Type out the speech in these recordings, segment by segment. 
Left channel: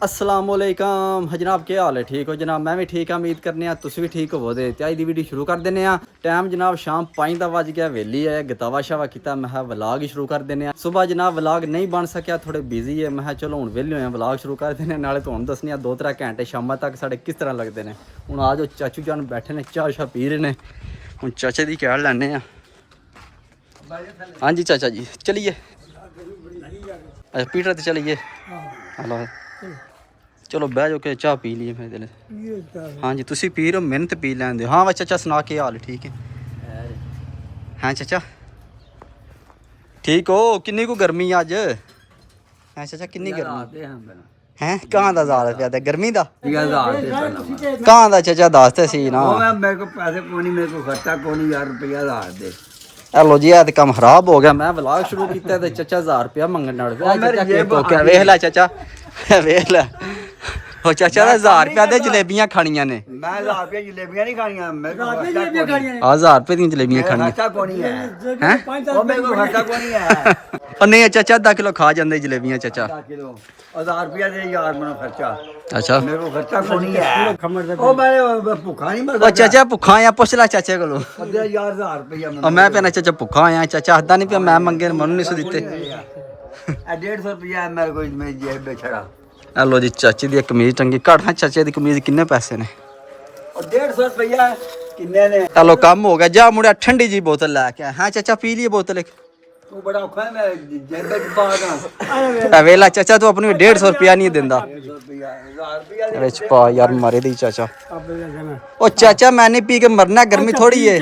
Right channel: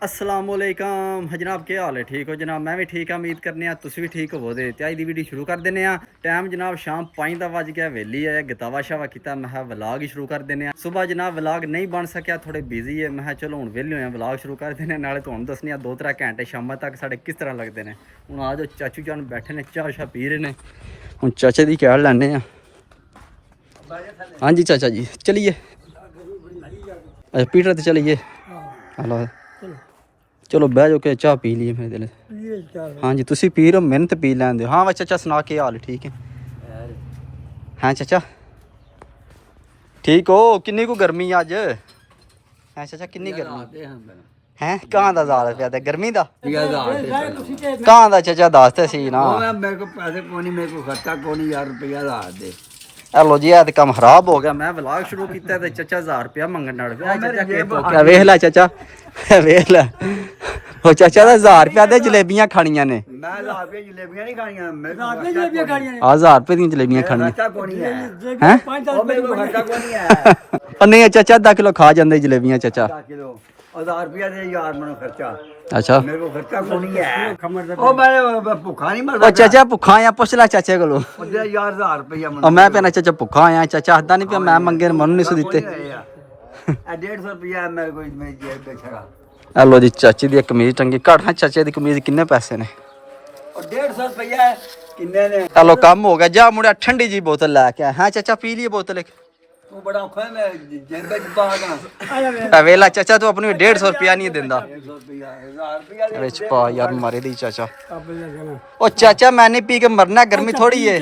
असलामुअलैकुम जनाब, क्या हाल है? ठीक हो जनाब? मैं भी ठीक हाँ, उम्मीद करने तुम भी ठीक हो। तो अज की वीडियो शुरू कर देने। टाइम जनाब शाम 5 का बज गया, वेली है, गतावा शावा किया। मैं व्लॉग ही शुरू कर देने। सुबह जनाब व्लॉग नहीं बन सकिया, थोड़े बिजी है। मैं चलो हूँ वेले होए व्लॉग शुरू कर देने। नाले तुहानू दसने 2-3 घंटे शाम तक साढ़े किस तरह लगते हैं। हूँ आ जाओ, चाचू जान बैठे ने, चाह शाह पी रहे हैं। हूँ चाचे की चाह लैने। हाँ जी चाचा जी, चलिए पीटर तो चलिए। चलो बह जाओ के चाह पी ली फिर। हाँ जी, तुम पी रहे हो, मैंने तो पी लैन दो। हाँ बस चाचा सुना के हाल ठीक है? हाँ चाचा ठीक हो? किन्नी को गर्मी अज है चाचा? किन्नी गर्मी है? कहाँ का 1000 रुपया दे गर्मी का? कहाँ का चाचा दस तो सी ना। मेरे को पैसे कोनी, मेरे को खर्चा कोनी यार, रुपया 1000 दे। हेलो जी, तो काम खराब हो गया। मैं व्लॉग शुरू किया तो चाचा 1000 रुपया मंगन लड़ पिया। क्या वेख ला चाचा, वेख ला। ਉਹ ਚਾਚਾ ਦਾ 1000 ਰੁਪਏ ਦੇ ਜਲੇਬੀਆਂ ਖਾਣੀਆਂ ਨੇ। मैं 1000 रुपया जलेबियां नहीं खानियां, मेरे को ਆ 1000 ਰੁਪਏ ਦੀਆਂ ਜਲੇਬੀਆਂ ਖਾਣੀਆਂ खर्चा कोनी है। हैं? और मेरे को खर्चा कोनी है। ਉਹ ਨਹੀਂ ਚਾਚਾ ਅੱਧਾ ਕਿਲੋ ਖਾ ਜਾਂਦੇ ਜਲੇਬੀਆਂ ਚਾਚਾ। 10 किलो 1000 रुपया दे यार, मेरा खर्चा। ਅੱਛਾ मेरे को खर्चा कोनी है। ओ मैं भूखा नहीं मर ਉਹ ਚਾਚਾ ਭੁੱਖਾ ਆ, ਪੁੱਛ ਲੈ ਚਾਚੇ ਕੋਲੋਂ। दे यार 1000 रुपया ਉਹ ਮੈਂ ਪੈਣਾ ਚਾਚਾ ਭੁੱਖਾ ਆ। ਚਾਚਾ ਹੱਦਾ ਨਹੀਂ ਪਿਆ, ਮੈਂ ਮੰਗੇ ਮਨ ਨਹੀਂ ਸੀ ਦਿੱਤੇ। 150 रुपया मेरे को मेरी जेब में छड़ा। ਹੈਲੋ ਜੀ, ਚਾਚੀ ਦੀ ਕਮੀਜ਼ ਟੰਗੀ ਘੱਟ। ਹਾਂ ਚਾਚੇ ਦੀ ਕਮੀਜ਼ ਕਿੰਨੇ ਪੈਸੇ ਨੇ? 150 रुपया किन्ने ने? ਹੈਲੋ ਕੰਮ ਹੋ ਗਿਆ। ਜਾ ਮੁੰਡਿਆ ਠੰਡੀ ਜੀ ਬੋਤਲ ਲੈ ਕੇ ਆ। ਹਾਂ ਚਾਚਾ ਪੀ ਲਈ ਬੋਤਲ। तू बड़ा औखा है, मैं जेब में पा गा। ਵੇਲਾ ਚਾਚਾ ਤੂੰ ਆਪਣੀ 150 ਰੁਪਿਆ ਨਹੀਂ ਦਿੰਦਾ 150 रुपया 1000 रुपया ਵਿੱਚ ਪਾ ਯਾਰ, ਮਾਰੇ ਦੀ ਚਾਚਾ। ਉਹ ਚਾਚਾ ਮੈਂ ਨਹੀਂ ਪੀ ਕੇ ਮਰਨਾ, ਗਰਮੀ ਥੋੜੀ ਏ।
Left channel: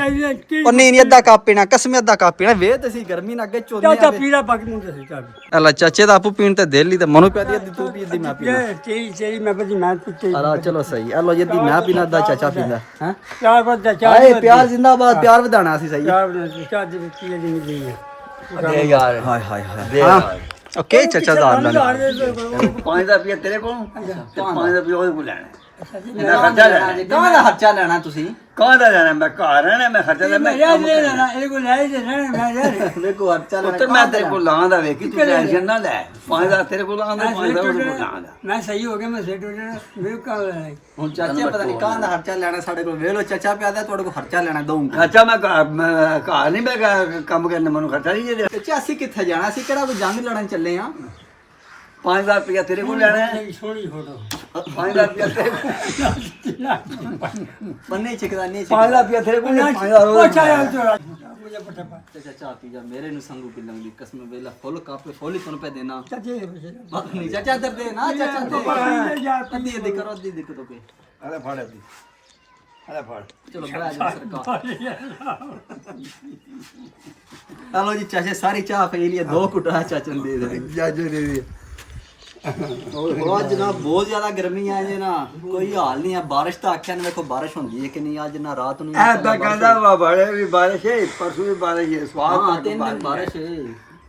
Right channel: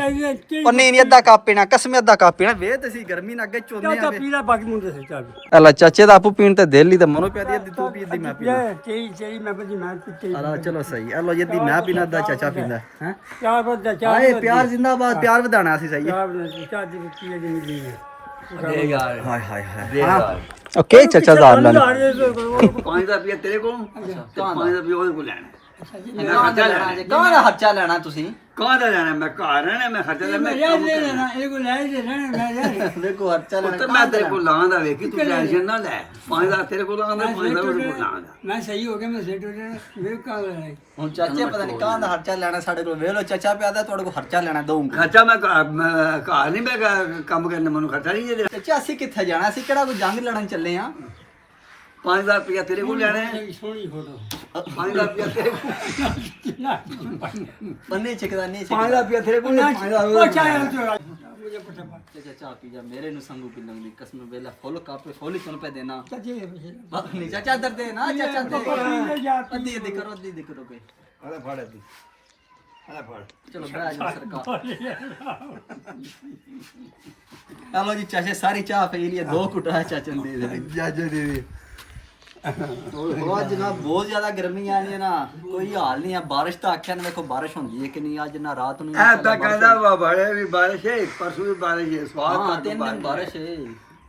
ਉਹ ਨਹੀਂ ਅੱਧਾ ਕੱਪ ਪੀਣਾ, ਕਸਮੇ ਅੱਧਾ ਕੱਪ ਪੀਣਾ। ਵੇਖ ਤੁਸੀਂ ਗਰਮੀ ਨਾਲ ਅੱਗੇ ਚੋਨੇ ਆ। ਪੀਲਾ ਬਾਕੀ ਮੁੰਡੇ ਸੇ ਚਾਹ ਅੱਲਾ ਚਾਚੇ ਦਾ ਆਪੂ ਪੀਣ ਤੇ ਦਿਲ ਹੀ ਤੇ ਮਨੂੰ ਪੈ ਦੀ ਤੂੰ ਪੀ ਦੀ ਮੈਂ ਪੀਣਾ। ਤੇਰੀ ਮੈਂ ਬਦੀ ਮੈਂ ਪੀਤੇ ਅੱਲਾ ਚਲੋ ਸਹੀ। ਅੱਲਾ ਜਦੀ ਮੈਂ ਪੀਣਾ ਅੱਧਾ ਚਾਚਾ ਪੀਂਦਾ ਹੈ। ਚਾਰ ਬੰਦਾ ਚਾਹ ਹਾਏ ਪਿਆਰ ਜਿੰਦਾਬਾਦ, ਪਿਆਰ ਵਧਾਣਾ ਸੀ ਸਹੀ। ਚਾਹ ਦੇ ਪੀਲੇ ਦੀ ਨਹੀਂ दे यार। ਹਾਏ ਹਾਏ ਹਾਏ। दे यार। ਓਕੇ ਚਾਚਾ ਜ਼ਾਰ ਲੈਣਾ। 5 रुपया तेरे को, 5 रुपया ਉਹਦੇ ਕੋਲ ਲੈਣਾ। ਇਹਦਾ ਖਰਚਾ ਲੈਣਾ। ਕਹਾਂ ਦਾ ਖਰਚਾ ਲੈਣਾ ਤੁਸੀਂ? ਕਹਾਂ ਦਾ ਲੈਣਾ? ਮੈਂ ਘਰ ਰਹਿਣਾ, ਮੈਂ ਖਰਚਾ ਲੈਣਾ। ਮੈਂ ਲੈ ਲੈਣਾ ਇਹ ਕੋ ਲੈ ਦੇ ਮੈਂ ਲੈ ਦੇਖੋ ਖਰਚਾ ਲੈਣਾ। ਉੱਤਰ ਮੈਂ ਤੇਰੇ ਕੋਲ ਲਾਂਦਾ ਵੇਖੀ, ਤੂੰ ਟੈਨਸ਼ਨ ਨਾ ਲੈ। 5000 ਤੇਰੇ ਕੋਲ ਲਾਂਦਾ, 5000 ਉਹਦੇ ਕੋਲ ਲਾਂਦਾ। ਮੈਂ ਸਹੀ ਹੋ ਗਿਆ, ਮੈਂ ਸੈਟ ਹੋ ਜਾਣਾ। ਮੇਰੇ ਕਾ ਹੁਣ ਚਾਚੇ ਪਤਾ ਨਹੀਂ ਕਹਾਂ ਦਾ ਖਰਚਾ ਲੈਣਾ ਸਾਡੇ ਕੋਲ। ਵੇਖ ਲੋ ਚਾਚਾ ਪਿਆਦਾ ਤੁਹਾਡੇ ਕੋਲ ਖਰਚਾ ਲੈਣਾ ਦਊਂਗਾ। ਖਰਚਾ ਮੈਂ ਘਰ ਨਹੀਂ, ਮੈਂ ਕੰਮ ਕਰਨ ਮੈਨੂੰ ਖਰਚਾ ਨਹੀਂ ਦੇ। ਚਾਚਾ ਅਸੀਂ ਕਿੱਥੇ ਜਾਣਾ? ਅਸੀਂ ਕਿਹੜਾ ਕੋਈ ਜੰਗ ਲੜਨ ਚੱਲੇ ਆ? 5000 ਰੁਪਇਆ ਤੇਰੇ ਕੋਲ ਲੈਣਾ ਹੈ। ਸੋਹਣੀ ਫੋਟੋ 5000 ਰੁਪਇਆ ਤੇਰੇ ਕੋਲ। ਬੰਨੇ ਚਿਕਦਾ ਨਹੀਂ 5000 ਰੁਪਇਆ ਤੇਰੇ ਕੋਲ, 5000 ਉਹ ਚਾਹ ਚੋਰਾ ਮੁਝੇ ਪਤਾ ਪਾ ਚਾਚਾ ਪੀ ਜਾ, ਮੇਰੇ ਨੂੰ ਸੰਗੂ ਪਿਲੰਗ ਦੀ ਕਸਮ ਵੇਲਾ ਫੁੱਲ ਕਾਪੇ ਫੁੱਲ ਤੁਹਾਨੂੰ ਪੈ ਦੇਣਾ। ਚਾਚੇ ਨਹੀਂ ਚਾਚਾ ਇੱਧਰ ਦੇ ਨਾ, ਚਾਚਾ ਅੱਧੀ ਅੱਧੀ ਕਰੋ, ਅੱਧੀ ਦਿੱਕਤ ਹੋ ਗਈ। ਅਰੇ ਫੜ ਅੱਧੀ, ਅਰੇ ਫੜ। ਚਲੋ ਬੜਾ ਜੀ ਸਰਕਾਰ। ਹਲੋ ਜੀ ਚਾਚੇ ਸਾਰੀ ਚਾਹ ਪੀ ਲਈ, 2 ਘੁੱਟਾ ਚਾਚਾ ਨੂੰ ਦੇ ਦੇ। ਜਾਜੇ ਦੇ ਦੇ। ਅੱਜ ਨਾ ਬਹੁਤ ਜ਼ਿਆਦਾ ਗਰਮੀ ਆ ਜੇ ਨਾ, ਕੋਈ ਹਾਲ ਨਹੀਂ ਆ। ਬਾਰਿਸ਼ ਤਾਂ ਆਖਿਆ ਨੇ, ਵੇਖੋ ਬਾਰਿਸ਼ ਹੁੰਦੀ ਹੈ ਕਿ ਨਹੀਂ। ਅੱਜ ਨਾ ਰਾਤ ਨੂੰ ਐਦਾਂ ਕਹਿੰਦਾ ਵਾ ਬੜੇ ਵੀ ਬਾਰਿਸ਼ ਹੈ, ਪਰਸੋਂ ਵੀ ਬਾਰਿਸ਼ ਹੈ, ਸਵਾਦ ਹਾਂ ਤੱਕ 3 ਦਿਨ ਬਾਰਿਸ਼ ਹੈ।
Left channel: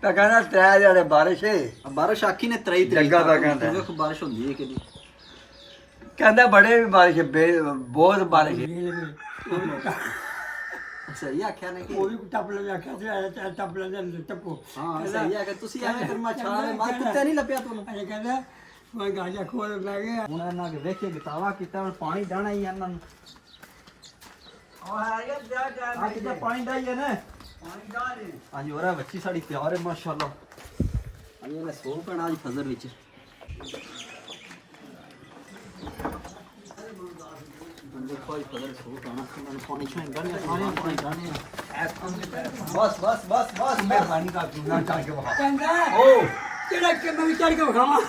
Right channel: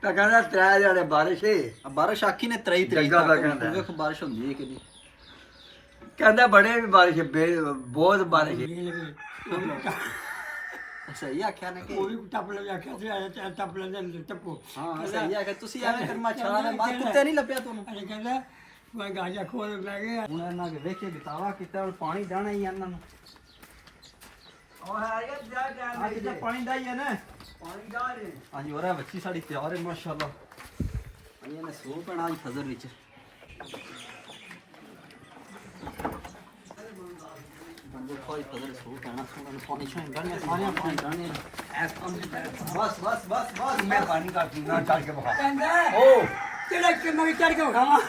ਤਾਂ ਕਹਿੰਦਾ 3 ਜਿਹੜੇ ਬਾਰਿਸ਼ ਹੈ। ਬਾਰਿਸ਼ ਆਖੀ ਨੇ 23 ਤਰੀਕ ਜੱਗਾ ਦਾ ਕਹਿੰਦਾ। ਵੇਖੋ ਬਾਰਿਸ਼ ਹੁੰਦੀ ਹੈ ਕਿ ਨਹੀਂ। ਕਹਿੰਦਾ ਬੜੇ ਵੀ ਬਾਰਿਸ਼ ਹੈ, ਬਹੁਤ ਬਾਰਿਸ਼ ਹੈ। ਸਹੀ ਆਖਿਆ ਨੇ ਕਿ ਉਹ ਵੀ ਟੱਪ ਲੈ ਜਾ ਕੇ ਟੱਪ ਲੈ ਜਾ ਟੱਪੋ। ਹਾਂ ਸਹੀ ਹੈ ਕਿ ਤੁਸੀਂ ਐਵੇਂ ਫਿਰ ਮਾਛਾਲਾ ਦੇ ਮਾਰ ਕੁੱਤੇ ਨਹੀਂ ਲੱਭਿਆ ਤੁਹਾਨੂੰ। ਇਹ ਕਹਿੰਦਾ ਮੈਂ ਗਾਜਾ ਖੋਲ ਲੈ ਗਿਆ। ਹੁਣ ਇਹਨਾਂ ਕੇ ਵੇਖੇ ਗਤਾਵਾ ਕੀਤਾ, ਹੁਣ ਪਾਣੀ ਡਾਣਾ ਹੀ ਇਹਨਾਂ ਨੂੰ। ਅੱਜ ਤਾਂ ਪਾਣੀ ਡਾਈ ਹੈ ਨਾ, ਪਾਣੀ ਡਾ ਦੇ। ਹਾਂਜੀ ਹੋਰਾ ਬੱਚੀ ਸਾਡੀ ਤਿਆਰ ਹੈ ਮਾਸ਼ਾਅੱਲਾ। ਹਾਂਜੀ ਮੈਂ ਸੋ ਪੈਣਾ ਅੱਜ ਫਜ਼ਰ ਵਿੱਚ। ਬੰਦੇ ਕੋਈ ਫਜ਼ਰ ਸੋ ਪੈਣਾ, ਉਹਨਾਂ ਨੂੰ ਪਾਣੀ ਛਾਂ ਡਾਣੀਆਂ, ਸਾਰਿਆਂ ਪਾਣੀ ਡਾਣੇ। ਬਸ ਬਸ ਬਸ ਬਸ ਮੈਂ ਪਾਣੀ ਦਾ ਪੀਣਾ ਕਰਕੇ ਬਹਾ। ਕਹਿੰਦਾ ਓ ਕਿਹੜਾ ਕਿ ਮੈਂ ਚੜ ਕੇ ਖਾਵਾਂ।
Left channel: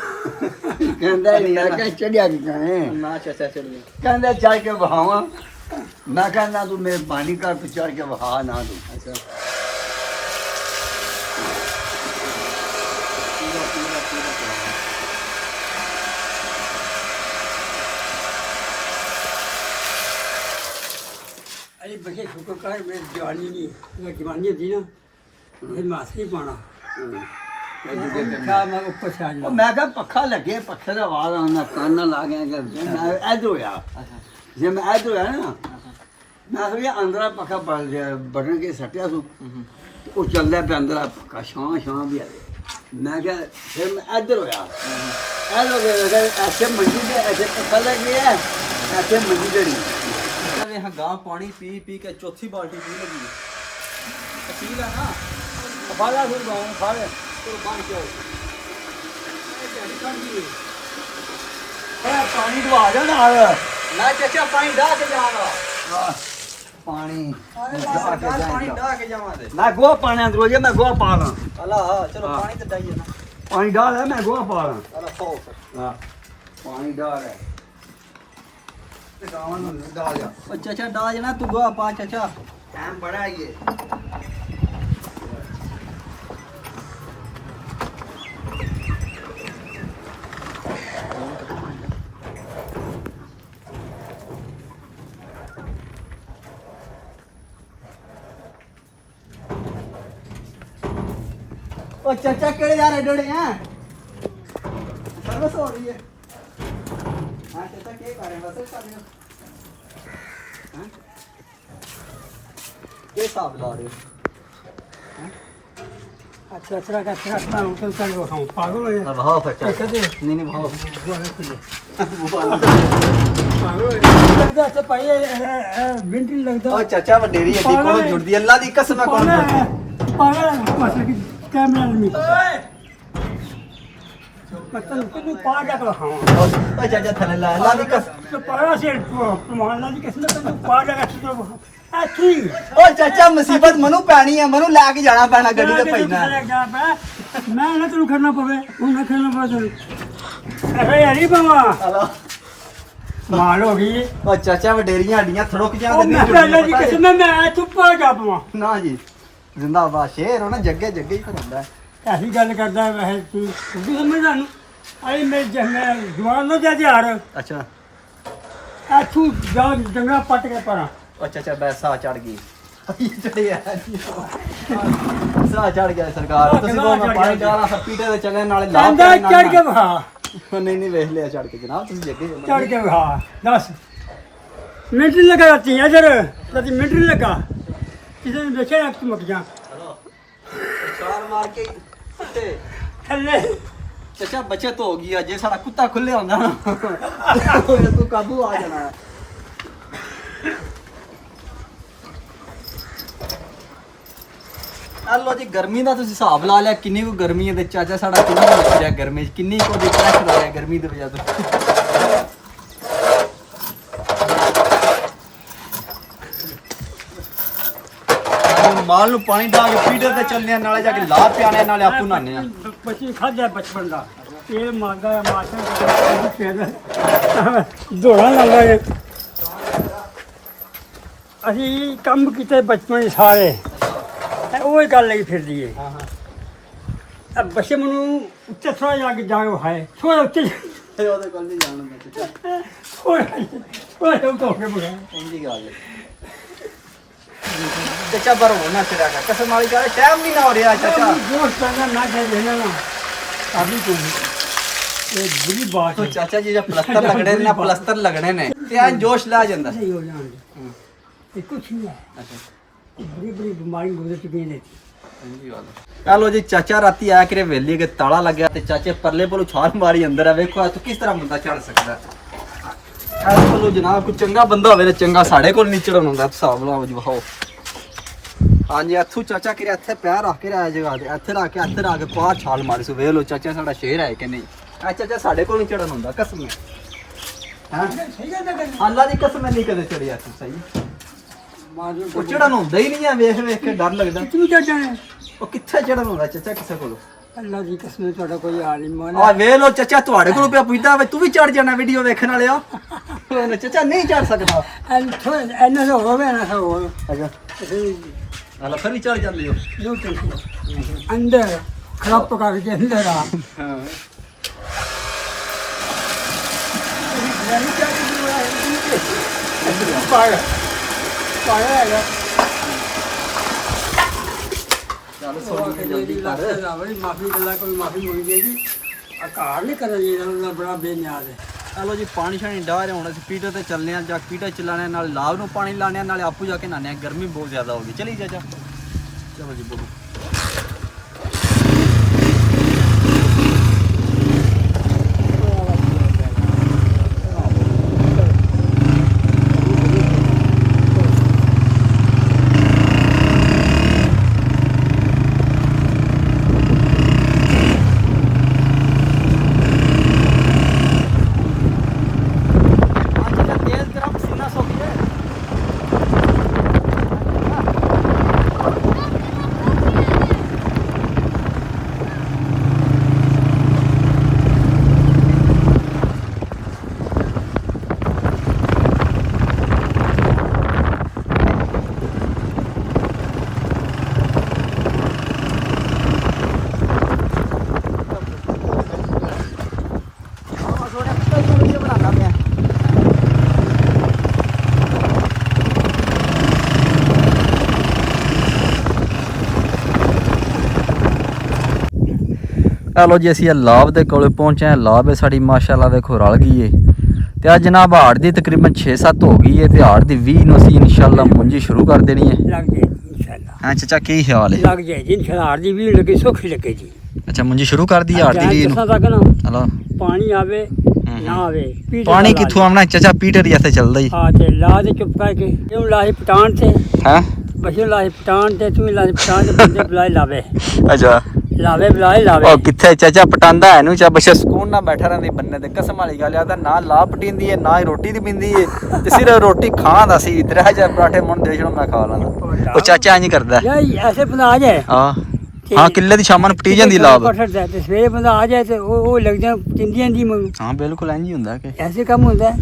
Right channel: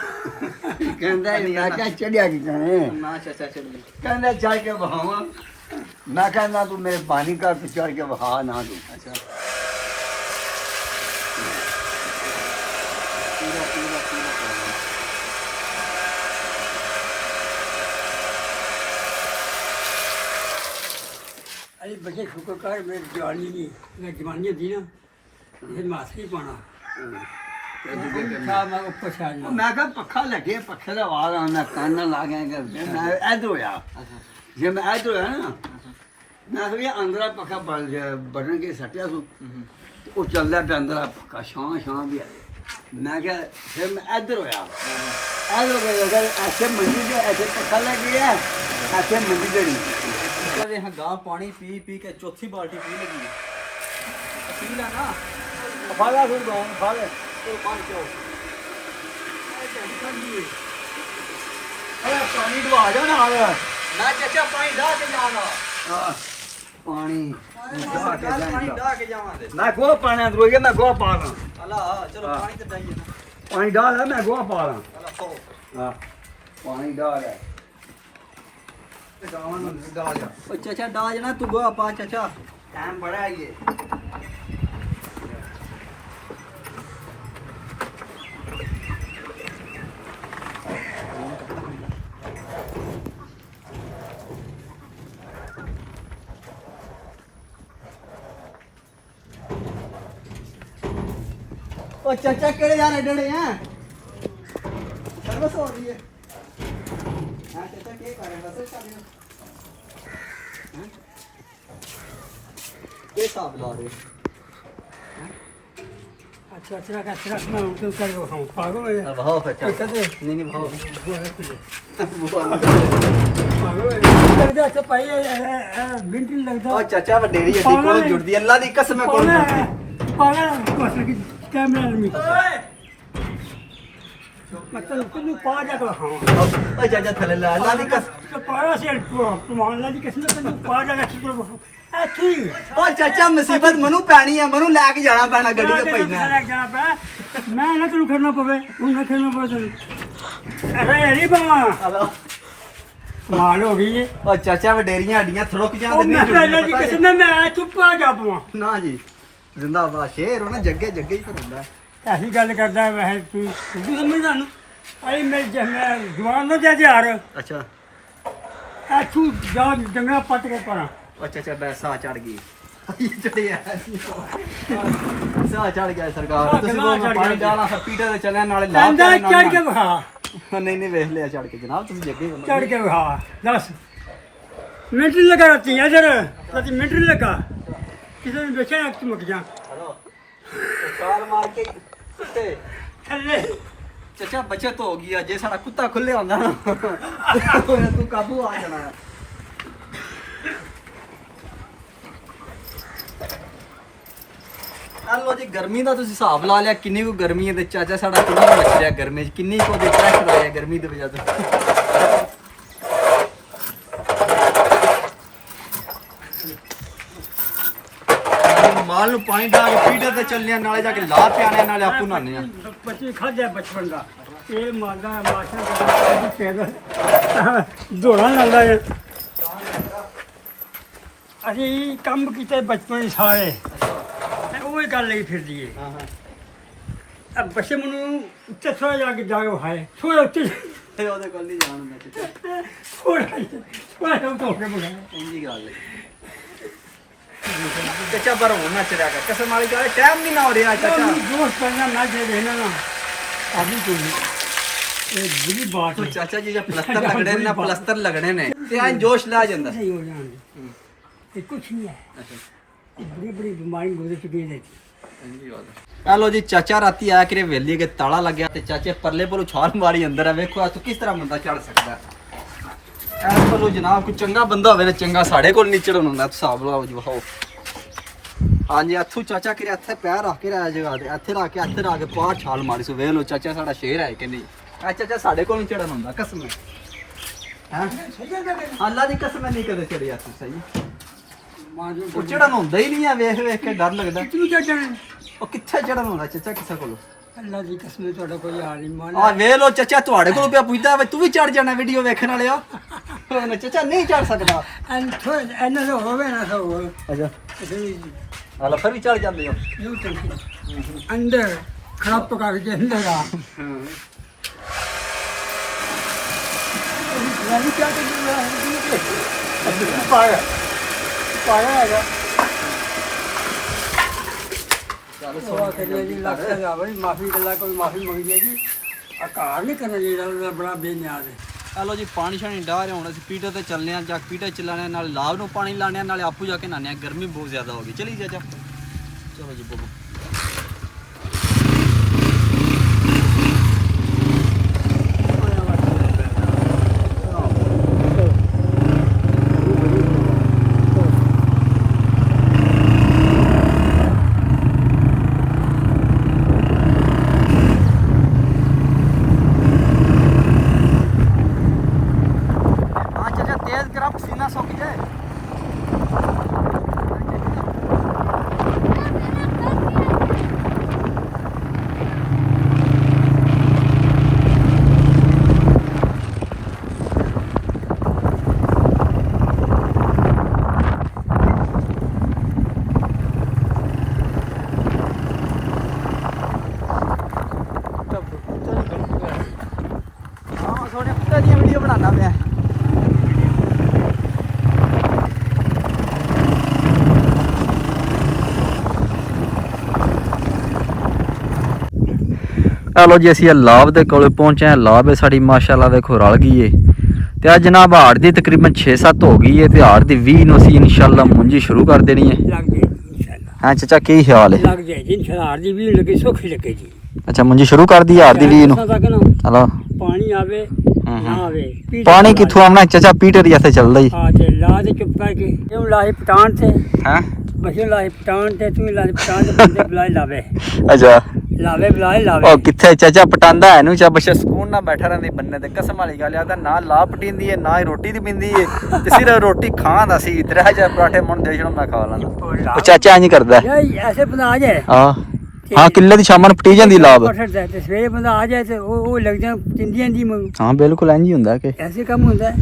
ਕਹਿੰਦਾ ਮੈਂ ਕਿਹਾ ਚੜਿਆ ਕੀ ਕਰੇ। ਨਾ ਚਾਚਾ ਚੱਲੀਏ। ਕਹਿੰਦਾ ਚੜ ਕੇ ਬਹਾਵਾਂ। ਮੈਂ ਕਹਿੰਦਾ ਤੂੰ ਮੇਰੇ ਪਾਣੀ ਘਰ ਤੇ ਚੜ ਕੇ ਬਹਾ ਨਾ ਤੂੰ। ਅੱਛਾ ਪੂਰਾ ਪੂਰਾ ਪੂਰਾ ਕਰਾਂਗੇ। ਅਰੇ ਬੱਚੇ ਸ਼ੁਕਰ ਕਰ ਮੇਰੀ ਜਵਾਨੀ ਨਹੀਂ, ਮੈਂ ਜਵਾਨੀ ਦੀ ਨਾ ਇਹ ਮਾਸੀ ਪਾਣਾ ਕਿਆ ਮੈਂ ਉੱਪਰ ਛਾੜ ਲਾ। ਮੈਂ ਕਿਹਾ ਪੱਖਾ ਲੱਗੇ, ਪੱਖੇ ਦਾ ਆਵਾਜ਼ ਆਉਂਦਾ, ਕੰਨ ਲਾ ਗਿਆ ਕਿ ਐਦ ਹੋਇਆ। ਜੇ ਮੈਂ ਐਦ ਹੋਇਆ ਨਾ, ਮੈਂ ਕਿਹਾ ਅੰਦਰਾ ਪੱਖਾ ਬਟਨ ਕੇ ਸੱਟਿਆ ਸੂ, ਉਹ ਚੱਲਦਾ ਪਿਆ ਅੰਦਰਾ ਪੱਖਾ, ਛਾਂ ਛਾਂ ਵੀ ਆਵੇ। मैं क्या फिर मैं इधर होया इधर हो गया ऐसे मंडी पे ऐसे पता लग गया ऐसे मंडी जड़ी ਕਹਿੰਦੇ ਹਾਂ ਗਾਂ ਪਾਣੀ ਪੀ ਪੀ ਕੇ ਚੌਥੀ ਬਾਲਟੀ ਪੀ ਲੱਗੀ ਅਸੀਲ ਆ ਨਾ बाला फिर बाले कुर्बान क्यों अरे पानी डुआ जा नाल ਮੈਂ ਚਾਚਾ ਪਾਣੀ ਢਾ ਕੇ ਜਾਣਾ हां पानी ਪਾਣੀ ਢਾ ਕੇ ਜਾਵਾਂਗੇ मैं गोहा पाने अंदर हो गया मैं गोहा पा रहा ਹਲਾ ਚਲੋ ਪਾਣੀ ਤੇ ਡਾਈਏ ਨਾ पानी डाल है मैं गोहा पा रहा ਹਲਾ ਖਾਓ हां पानी डाल है डाल जा ਉਹ ਚਾਚਾ ਢਾ ਜਣਾ ਤੂੰ ਗੋਹਾ ਪਾ ਚਾਚਾ टाइम बड़ा है ये ਉਹ ਚਾਚਾ ਕਿਹੜੇ ਯਾਰ ਐਡੜੇ ਆ ਸਰਵਿਸ ਹੋ ਰਹੀ ਹੈ ਹਾਂ ਚਾਚਾ ਕੀ ਕਰ ਰਹੇ ਬਸ ਕਰ ਰਹੇ ਹਾਂ ਕੀ ਹਿਸਾਬ ਲਾ ਰਹੇ अच्छा अच्छा का अच्छा मैं उनको चल वो हम पागल हो गया भाव चाचा कहते नहीं नहीं भाव पागल हो गया लगता अच्छा पाए मिनट नहीं लगता ਉਹ ਚਾਚਾ ਵਡੇਰੀ ਅੱਡੀ ਕੋਲ ਜੁੜਦੀ ਅੱਲਾ ਦੀ ਕਸਮ ਹੈ ਕੋਲ ਜੁੜਦੀ पागल बस की कैमरा नहीं कतल को पा जा कर हां ਉਹ ਚਾਚਾ ਥੱਲੇ ਲਾ ਅੱਲਾ ਦੀ ਕਸਮ तो पाया से तुम्हारा जी किसने तो पा जा कर तो अच्छी ਉਹ ਚਾਚਾ ਮੁਸੀਬਤ ਮਨੂੰ ਪੈਣੀ ਹੈ ਮਨੂੰ ਲੈ ਕੇ ਜਾਣਾ ਪੈਣਾ ਗੱਡੀ ਤੇ ਪੈਣਾ मैं ना तेन करना पवे हूं ना करना पवे तेन अरे यारी बाबा माल हो गई ਉਹ ਚਾਚਾ ਵਡੇਰੀਆਂ ਅੱਡੀਆਂ ਥੜਕ ओ ਜਾਂਦੇ मैं पहले जी किसने मैं चुप आ जा पवा ਨਾ ਜੀ ਜ਼ਿੰਦਾਬਾਦ ਸ਼ੇਰ ਹੋਣਾ ਜੱਗੇ ਜੱਗੇ ਹੀ ਹੁੰਦਾ ऐसी गल करदा वैसे तू तू समझदा नु आई मेरे जमे जवान न जा यार ਅੱਛਾ आ तू जा जंगला पट के परा ਉਹ ਚਾਚਾ ਬੈਸਾ ਚੜ ਗਈ ਚੜਿਆ ਸਾਹ ਚੜ ਗਿਆ ਸਰਕਾਰ ਤੁਸੀਂ ਕੋਲ ਪਾਣੀ ਡਾਲਾ ਫਿਰ ਪੀਟੇ ਤੇ ਚੱਲੇ ਨਾਲੇ ਲਾ अंदा चढ़ के बहा ਨਹੀਂ ਨਹੀਂ ਵੇਖ ਲਿਆ ਚੜ ਕੇ ਜਨਾਬ ਤੁਸੀਂ ਜੱਗੇ चढ़ के बहा 10 मिनट नहीं लगा रहती है इधर कभी मिनट नहीं लगा किसी ने बेचा एक चमक जा ਛਾਲ ਮਾਰ ਕੇ ਸੁੱਤੇ अल्ले ਚਾਚਾ ਬਚਤ ਹੋ ਗਈ ਆ ਜੇ ਸਾਡਾ ਕੁੱਤਾ ਖੁੱਲੇ ਹੁੰਦਾ ਨਾ ਤੂੰ ਕਾਬੂ ਆ ਜਾਣਾ ਹਲੋ ਜੀ ਗਰਮੀ ਦਾ ਤੁਸੀਂ ਹਿਸਾਬ ਲਾ ਲਿਆ ਕਿੰਨੀ ਕੋ ਗਰਮੀ ਹੈ ਤੇ ਚਾਚਾ ਸਾਡਾ ਕਿੰਨਾ ਕੁ ਮੱਚ ਰਿਹਾ ਗਰਮੀ 'ਚ ਕਿੰਨੀ ਕੋ ਦੇ ਪ੍ਰੈਸ਼ਰ ਆਇਆ ਗਰਮੀ ਦੀ ਵਜ੍ਹਾ ਤੋਂ ਮਾਲ ਨੂੰ ਪਾਣੀ ਢਾ ਕੇ ਪੀਟਰ ਤੇ ਚੱਲਨੇ ਆ ਨਾਲੇ ਜਾ ਕੇ ਲਾ ਪਿਆਣੇ ਨਾਲੇ ਆਪੂ ਨਾਨੇ ਆ बच्ची खा जाए बचपन का ये मारदा है माशा पैदा दौड़ा लांदा है ਅਸੀਂ ਕੰਮ ਕੀਤੇ ਬਚਪਨ 'ਚ ਸਾਰੇ ਉਹ ਹੀ ਗੱਲ ਲਈ ਫਿਰਦੀ ਹੈ ਹਾਂ ਹਾਂ ਆ ਬੱਚੇ ਮੈਨੂੰ ਉੱਤੇ ਥੋੜਾ ਜਾ ਕੇ ਜਾ ਕੇ ਹਾਏ ਥੋੜਾ ਉੱਤੇ ਇਹ ਉਹਦੇ ਕੋਲ ਨਹੀਂ ਜਾਣ ਹੁੰਦਾ ਚਾਚਾ ਥੋੜਾ ਉੱਤੇ ਬੁਲਾ ਇੰਜੀ ਗੱਲ ਚਾਚਾ ਪਰ ਹੋਣਾ ਚੜਿਆ ਕਰ ਕਸਮ ਵਾਲੀ ਗੱਲ ਟਾਈਮ ਨਹੀਂ ਨਾ ਹੋ ਰਿਹਾ ਚਾਚਾ ਦੋਸਤ ਕਰਨਾ ਨਾ ਚਾਹੀਏ ਨਾ ਕਾਬੀ ਕੋਈ ਇਹ ਬੁਰੀ ਬਾਤ ਤੋ ਹੈ ਚਾਚਾ ਜੀ ਜੇ ਪਲਸਤਰ ਲੱਗਣੇ ਨੇ ਨਾ ਪਲਸਤਰ ਲੱਗਣੇ ਨੇ ਤੇ ਐਂ ਜੋਸ਼ ਲਾ ਜਾਂਦਾ ਸਹੀ ਹੋ ਜਾਣਗੇ ਇਹ ਕੁਛ ਨਹੀਂ ਹੈ ਇਹ ਬੜੀ ਬੜੀ ਬਿਮਾਰੀ ਗੁਜ਼ਰ ਚੁੱਕੀ ਹੈ ਹਲੋ ਜੀ ਚਾਚਾ ਰਾਤੀ ਆਇਆ ਕਰੇ ਵੇਲੀ ਕੇ ਤਾਲਾ ਲੱਗਿਆ ਤੇ ਚਾਚੇ ਪਰਲੇ ਪਰੋਂ ਛਾਲ ਮਾਰੀ ਅੰਦਰ ਆ ਵੇਖੋ ਆ ਤੂੰ ਕਿਸ ਤਰ੍ਹਾਂ ਬੰਦਾ ਚੜ ਸਕਦਾ ਐਸ ਪਰੋਂ ਜਨਾਬ ਕੋਈ ਚੰਗਾ ਬੰਦਾ ਹੋਵੇ ਨਾ ਚੰਗਾ ਸਾਡੇ ਕੋਲ ਨਹੀਂ ਚੜਨ ਹੁੰਦਾ ਹਿਸਾਬ ਲਾਓ ਜੀ ਵਿਖਾਓ ਹਾਂਜੀ ਇੱਥੋਂ ਚਾਚਾ ਕਿਰੇ ਇੱਥੇ ਪੈਰ ਰੱਖ ਕੇ ਰਾਇਆ ਜਗ੍ਹਾ ਤੇ ਇੱਥੇ ਰੱਖ ਕੇ ਪਾਰ ਛਾਲ ਮਾਰੀ ਸੋ ਵੇਖ ਲੋ ਚਾਚਾ ਸਾਡਾ ਸ਼ੇਰ ਹੈ ਕਿ ਨਹੀਂ ਆ ਚਾਚਾ ਸਾਡੇ ਕੋਲ ਨਹੀਂ ਚੜਨ ਹੁੰਦਾ ਕਸਮ ਹੈ ਹਾਂ ਸਹੀ ਗੱਲ ਹੈ ਅੱਲਾ ਦੀ ਕਸਮ ਨਹੀਂ ਕਦੇ ਚੜਿਆ ਤੂੰ ਸਹੀ ਮਾਜੋ ਉਹ ਚੜਨ ਹੁੰਦਾ ਹੀ ਨਹੀਂ ਆ ਵੇਖ ਵੇਖ ਕੇ ਡਰ ਲੱਗਦਾ ਕਿਤਨੀ ਜਾਣੇ ਉਹ ਕਿੱਥੇ ਚੜਨ ਹੁੰਦਾ ਚਾਚਾ ਕਿਸੇ ਕੋਲ ਅੱਲਾ ਦੀ ਕਸਮ ਤੁਹਾਡਾ ਕੋਈ ਹਾਲ ਨਹੀਂ ਮਾਨ ਆ ਵੇਖ ਲੋ ਚਾਚਾ ਤੁਹਾਡੇ ਕੋਲ ਪਿਆ ਪੁੱਛਦਾ ਵੇ ਤੂੰ ਵੀ ਚੜ ਜਾਣਾ ਵੀਡੀਓ ਵੇਖਣ ਵਾਲਿਆ ਉਹ ਚਾਚਾ ਨਹੀਂ ਚੜ ਸਕਦਾ ਐਨ ਥੋੜਾ ਐਨ ਦਾ ਹੋਵੇ ਨਾ ਹੋਵੇ ਅੱਛਾ ਹਾਲਾ ਫਿਰ ਵੀ ਚੜ ਜਾਂਦੇ ਹੋ ਯੂ ਟੈਂਸ਼ਨ ਅੰਦਰ ਖਰਾਬ ਤੋਂ ਕਰਕੇ ਅੰਦਰ ਆ ਚੱਲ ਸੋਣ ਜਲਦੀ ਕਰ ਮਾਫੀ ਗੱਲਾਂ ਕੋਈ ਮਾਫੀ ਮੰਗੀ ਹੈ ਜੀ ਆ ਕਾਰ ਨਹੀਂ ਕਰਨਾ ਜਿਹੜਾ ਬੜਾ ਬੇਨਿਆਜ਼ ਹੈ ਹਲੋ ਜੀ ਪਾਣੀ ਸ਼ਾਣੀ ਡਾਹ ਰਹੇ ਹੁਣ ਅਸੀਂ ਪੀਟਰ ਤੇ ਚੱਲਨੇ ਆ ਜਾਂ ਪੀਟਰ ਚਲਾਣੇ ਨਾਲ ਲਾਭ ਨੂੰ ਪਾਣੀ ਲਾਣੇ ਨਾਲੇ ਆਪੂ ਜਾ ਕੇ ਨਾਨੇ ਗਰਮੀ ਬਹੁਤ ਜ਼ਿਆਦਾ ਹੋ ਗਈ ਚਲੀ ਚਾਚਾ ਚਲੋ ਜੀ ਬੋਲੋ ਆ ਲੋ ਜੀ ਅਸੀਂ ਲਾਭ ਦੇ ਕੋਲੇ ਪਹੁੰਚੇ ਹਾਂ। ਲਾਭ ਹੈ ਸਾਡੀ ਮਾਸ਼ਾਅੱਲਾ ਵੇਖੋ ਰਲ ਗਈ ਏ ਤੇ ਅੱਜ ਜਨਾਬ ਹਾੜ ਦੀ ਤਕਰੀਬਨ 6-7 ਹੋ ਗਈ ਏ ਤੇ ਹਾੜ ਦੀ 20 ਨੂੰ ਅਸੀਂ ਇਨਸ਼ਾਅੱਲਾ ਮੁੰਜੀ ਸ਼ੁਰੂ ਕਰ ਦੇਣੀ ਹੈ। ਲੱਗ ਜਾਏ ਇਨਸ਼ਾਅੱਲਾ, ਹਾਂ ਚਾਚਾ ਕੀ ਖਿਆਲ ਹੈ? ਲੱਗ ਜਾਏ ਜੀ ਇਨਸ਼ਾਅੱਲਾ। ਹਾਰ ਦੀ ਵੀ ਲੱਗੇ ਸੁੱਖ ਲੱਗੇ ਜੀ। ਅੱਛਾ ਮੁੰਜੀ ਸ਼ੁਰੂ ਕਰ ਦੀ ਹਾੜ ਦੀ 20 ਨੂੰ। ਤੱਕ ਨਾ ਹਲੋ ਪਾਣੀ ਆਵੇ ਨਾ ਆਵੇ, ਪੀਟਰ ਪਾਣੀ ਲਾ ਕਿੱਥੋਂ ਆਉਣਾ ਚਾਚਾ? ਪੀਟਰ ਜਿੱਥੇ ਚੱਲਦਾ ਹੀ ਹਾਂ ਤੇ ਲਾ ਦੇ ਚੁੱਪ ਕਰਕੇ ਕਿਉਂ ਲਾਹੇ ਪਟਾਨ ਤੇ ਹੈ। ਬਸ਼ੋ ਲਾਹੇ ਪਟਾਨ ਤੇ ਤੂੰ ਲਾਹੇ ਪਟਾਨ ਤੇ ਬੰਦੇ ਬੁਲਾਏ ਲਾਵੇ ਅੱਛਾ ਲਾਵੇ ਬੁਲਾਏ ਲਾਵੇ। ਉਹ ਕਿੱਥੇ ਚਾਚਾ ਪਟਾਂਦਾ ਹੈ ਨੂੰ ਚਾ ਬੱਚਾ ਸਕੂਨ ਨਾਲ ਬੈਠਾ ਰਹਿੰਦੇ ਬੰਨੇ ਤੇ। ਕਸਮ ਵਾਲੀ ਗੱਲ ਆ ਤਾਂ ਨਾ ਲਾ ਪਟੀਂਦੀ ਹੈ ਨਾ ਹੀ ਰੋਟੀ ਦੀ ਪਿੰਦੀ ਹੈ ਤੇ ਸਿਰਫ ਰੋਟੀ ਖਾਂਦਾ ਸੀ। 3000 ਪਰਾਠੇ ਮੁੰਨ ਦੇ ਛੜੋ ਮੈਂ ਖਾ ਲਾਂਦਾ। ਉਹ ਚਾਚਾ ਇੰਜ ਕਰਦਾ ਯਾਰ ਐਸੇ ਬੰਦਾ ਆ ਜਾਏ ਹਾਂ ਹਾਂ ਕਿੱਲੇ ਦੀ ਸ਼ਾਮਾਂ ਨੂੰ ਪਟੀ ਜਾਂਦੀ ਲਾਭ। ਤੇ ਸਵੇਰੇ ਬੰਦਾ ਆ ਜਾਏ ਤੇ ਉਹ ਲੱਗ ਜਾਂ ਤਿੰਦੀਆਂ ਦੀ ਹਾਂ ਬਿਲਕੁਲ ਇੰਜ ਹੀ ਹੁੰਦਾ ਕਿ ਐਸੇ ਕੰਮ ਹੁੰਦਾ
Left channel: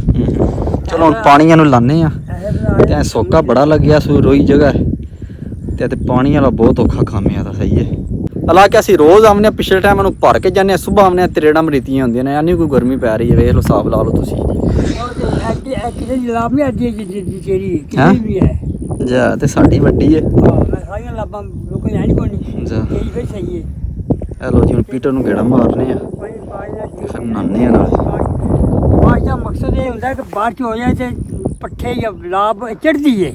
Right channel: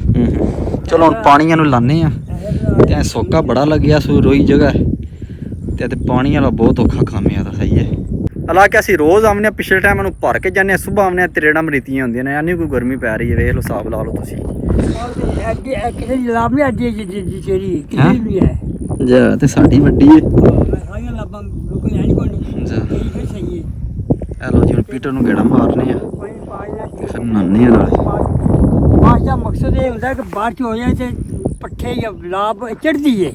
ਚਲੋ ਹੁਣ ਪਾਣੀਆਂ ਨੂੰ ਲਾਣੇ ਆ ਤੇ ਸੋਕਾ ਬੜਾ ਲੱਗਿਆ ਸੂ ਰੋਈ ਜਗ੍ਹਾ ਤੇ ਪਾਣੀ ਵਾਲਾ ਬਹੁਤ ਔਖਾ ਕੰਮ ਆ ਤਾਂ ਸਹੀ ਹੈ। ਹਾਲਾਂਕਿ ਅਸੀਂ ਰੋਜ਼ ਆਉਂਦੇ ਹਾਂ, ਪਿਛਲੇ ਟਾਈਮ ਨੂੰ ਭਰ ਕੇ ਜਾਂਦੇ ਹਾਂ, ਸੁਬਾਹ ਆਉਂਦੇ ਹਾਂ ਤਰੇੜਾਂ ਮਰੀਤੀਆਂ ਹੁੰਦੀਆਂ ਨੇ, ਯਾਨੀ ਕੋਈ ਗਰਮੀ ਪੈ ਰਹੀ ਹੈ। ਵੇਖ ਲਓ ਹਿਸਾਬ ਲਾ ਲਓ ਤੁਸੀਂ। ਕਿਸੇ ਦੀ ਲਾਭ ਨਹੀਂ ਅੱਡੀ ਜਿਹੜੀ ਕਿਸੇ ਵੀ ਹੈ ਜਾ ਤੇ ਸਾਡੀ ਵੱਡੀ ਹੈ। ਸਾਰੀਆਂ ਲਾਭਾਂ ਲੋਕਾਂ ਨੇ ਨਹੀਂ ਕੋਣੀ ਜਾ ਇਹ ਵੀ ਸਹੀ ਹੈ। ਇਹ ਲੋ ਜੀ ਹੁਣ ਪੀਟਰ ਨੂੰ ਗੇੜਾ ਮਾਰਨੇ ਆ ਤੇ ਫਿਰ ਨਾਨੇ ਆ ਨਾਲੇ। ਬਾਅਦ ਦਾ ਮਕਸਦ ਇਹ ਹੁੰਦਾ ਕਿ ਬਾਅਦ ਚ ਹੋ ਜਾਏ ਤੇ ਪੱਠੇ ਜਾਂ ਲਾਭ ਚੜਦੀ ਹੈ।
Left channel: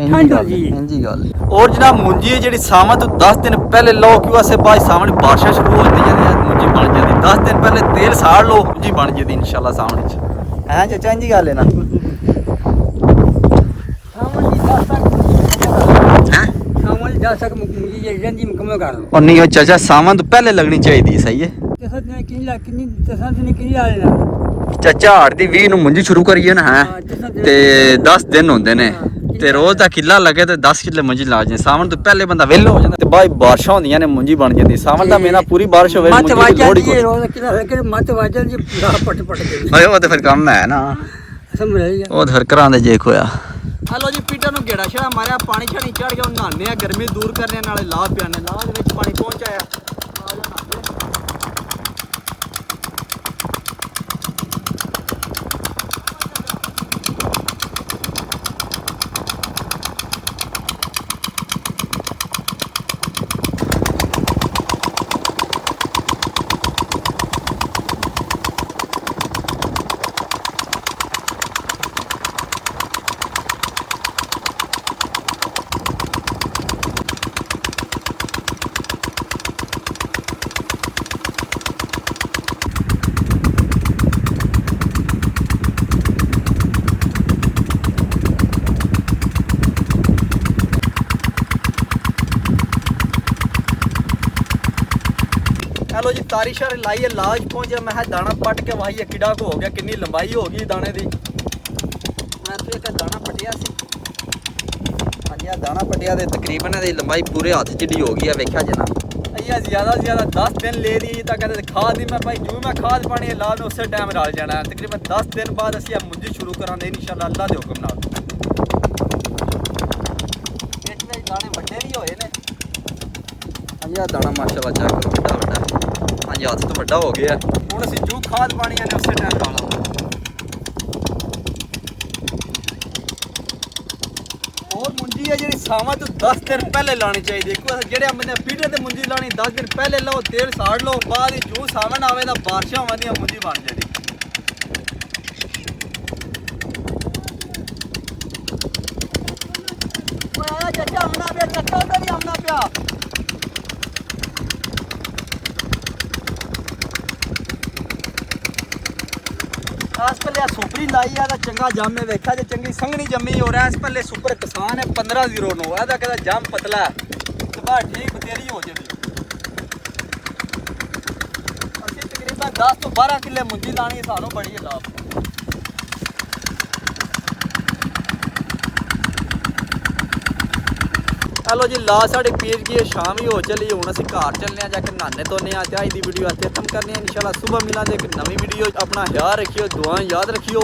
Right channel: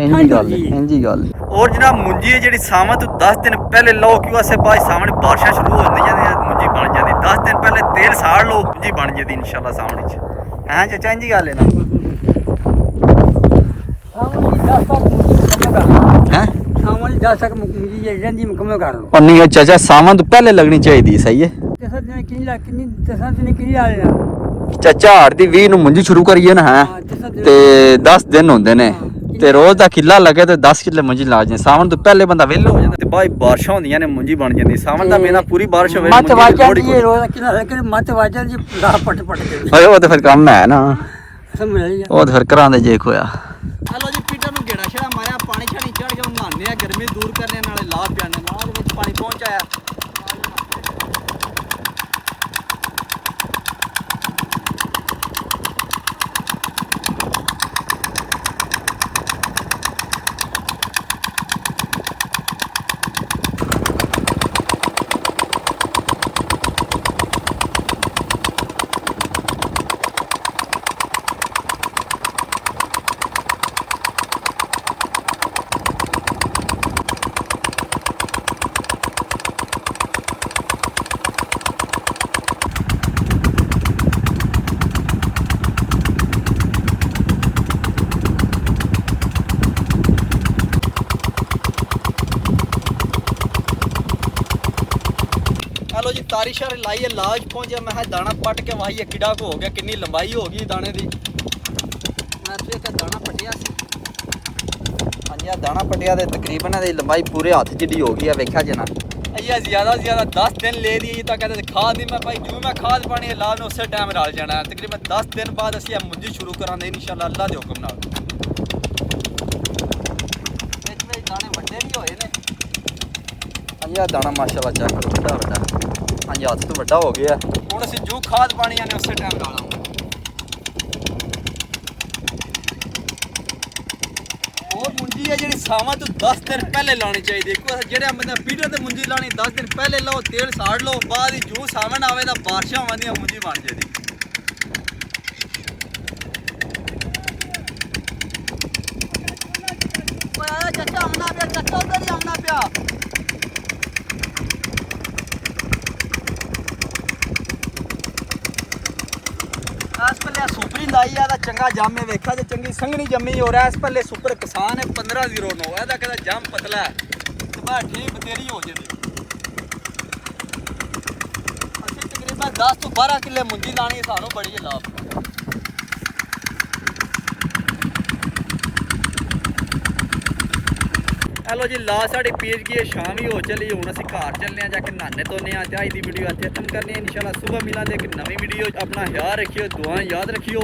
ਇੰਜੀ ਗੱਲ ਔਰ ਜਨਾਬ ਮੁੰਜੀ ਹੈ ਜਿਹੜੀ ਸਾਵਾਂ ਤੋਂ 10 ਦਿਨ ਪਹਿਲੇ ਲਓ ਕਿਉਂ ਆਸੇ ਬਾਅਦ ਸਾਵਣ ਬਾਰਿਸ਼ਾਂ ਸ਼ੁਰੂ ਹੋ ਜਾਂਦੀਆਂ ਮੁੰਜੀ ਬਣ ਜਾਂਦੀ। 10 ਦਿਨ ਪਹਿਲੇ ਤੇਲ ਸਾੜ ਲਓ ਮੁੰਜੀ ਬਣ ਜਾਂਦੀ ਇਨਸ਼ਾਅੱਲਾ ਸਾਵਣ ਵਿੱਚ। ਹਾਂ ਚਾਚਾ ਇੰਜੀ ਗੱਲ ਹੈ ਨਾ ਸਾਵਣ ਦੀ 10 ਤੱਕ ਹੈ। ਸਾਵਣ ਦੀ 10 ਤੱਕ ਮੁੰਜੀ ਜਿਹੜੀ ਰਹਿੰਦੀ ਮੁਕੰਮਲ ਕਰ ਲਓ। ਔਰ ਨਹੀਂ ਚਾਚਾ ਸਾਵਣ ਤੋਂ ਪਹਿਲੇ ਲੱਗਣੀ ਚਾਹੀਦੀ ਸਹੀ ਹੈ। ਤਸਾਂ ਦਿਨ ਕਿੰਨੀ ਆ ਲੈਣਾ ਚਾਚਾ ਹਾੜ ਦੀ 20 ਨੂੰ ਮੁੰਜੀ ਸ਼ੁਰੂ ਕਰੀਏ ਨਾ ਹੈ ਤੇ 10 ਦਿਨ ਹੁੰਦੇ ਨੇ ਤੇ ਰੋਜ਼ ਦਾ ਕਿੱਲਾ ਲੱਗੇ ਤੇ 10 ਕਿੱਲੇ ਮੁੰਜੀ ਲਾ ਜੇ। ਸਾਵਣ ਤੋਂ ਪਹਿਲੇ ਬੰਦਾ ਵਿਹਲਾ ਹੋ ਜਾਂਦਾ ਤੇ ਬਾਅਦ ਬਾਰਿਸ਼ਾਂ ਹੁੰਦੀਆਂ ਨੇ ਮੁੰਜੀ ਬਣ ਜਾਂਦੀ। ਸਾਵਣ ਦਾ ਮਹੀਨਾ ਪੂਰੀ ਬਾਰਿਸ਼ ਹੋਵੇ ਮੁੰਜੀ ਦੀ ਲੋੜ ਹੀ ਕੋਈ ਮਤ ਵਾਜਣ ਜੀ ਲਾ ਪਟ ਕੇ ਓਏ ਉਹ ਤੇ ਫਿਰ ਕੰਮ ਹੈ ਨਾ ਸਮਝ ਲਈ ਉਹ ਤੇ ਫਿਰ ਘਰਾਂ ਦੇ ਜੇਕ ਹੋਇਆ। ਹਲੋ ਜੀ ਪੀਟਰ ਨੂੰ ਗੇੜਾ ਛੜਾ ਮਾਰਿਆ, ਪਾਣੀ ਛਾਣੀ ਚੜ ਗਿਆ, ਨਹਾਉਂਦੇ ਆ, ਗਰਮੀ ਦੂਰ ਕਰਨੇ ਨਾਲੇ ਲਾਹ ਪਿਆਣੇ। ਲਾਹ ਦੇ ਵਿੱਚ ਪਾਣੀ ਪਹੁੰਚਾਇਆ ਆ ਜਾ ਨਹਾਉਂਦੇ। हेलो जी तारी शारी लाइए लाज पहुंचे मैं दाना पट के वाही किड़ा को हो गया कितनी लंबाई हो गई दाने दी मैं तो एक दाना पटिया सी हाँ जी दाना पटिया तो तकरीबन लंबाई पूरे हाथ जिडी हो गई है वेख्या जना अइया ज़्यादा से ज़्यादा 10 दिन ले लिए तक कहते खाद नहीं मैं भाई जो मैं खाद पानी ला में उस टाइम रल जाना है। तकरीबन 10 दिन बाद असी मुंजी शुरू करा इंशाअल्लाह अल्लाह के हुक्म नाल। दाने वड्डे भी होए ने हाँ जी दाना माशाअल्लाह चेक करो बड़ा बड़ा हाँ जी हाथ तो बड़ा हो गया हुण असीं जो खाद पानी ने उस टाइम ला लांगे। और मुंजी है जी सावां तो 10 दिन पहले लानी चाहिए। जेड़े बंदे पीढ़े ते मुंजी लानी 10 दिन पहले लो तेल साड़ लो बाद जो सावन आवे तो बारिशां आवेंदियां मुंजी बन जाती। चाचा आमना पिया चाचा उधर ही आमना पिया इस पहले सुपरी लाई है चंगा जाम में वेखा जो चंगी संघनी जमी हो रहा है। इस पहले सुपर किसान है 15-0 कहता जाम पतला तो बाहर ठीक बतेरी हो जाती। असं तकरीबन 10 तो 12 किले मुंजी लानी सानू बड़ी लाभ। हेलो जी ला साड़ी पीर गई शाम ही हो चली हूँ असं घर चलने जाके नहाने धोने अज की वीडियो इतने खत्म करने इंशाल्लाह सुबह मिलांगे एक नवी वीडियो। अपना ख्याल रखियो दुआएं याद रखियो।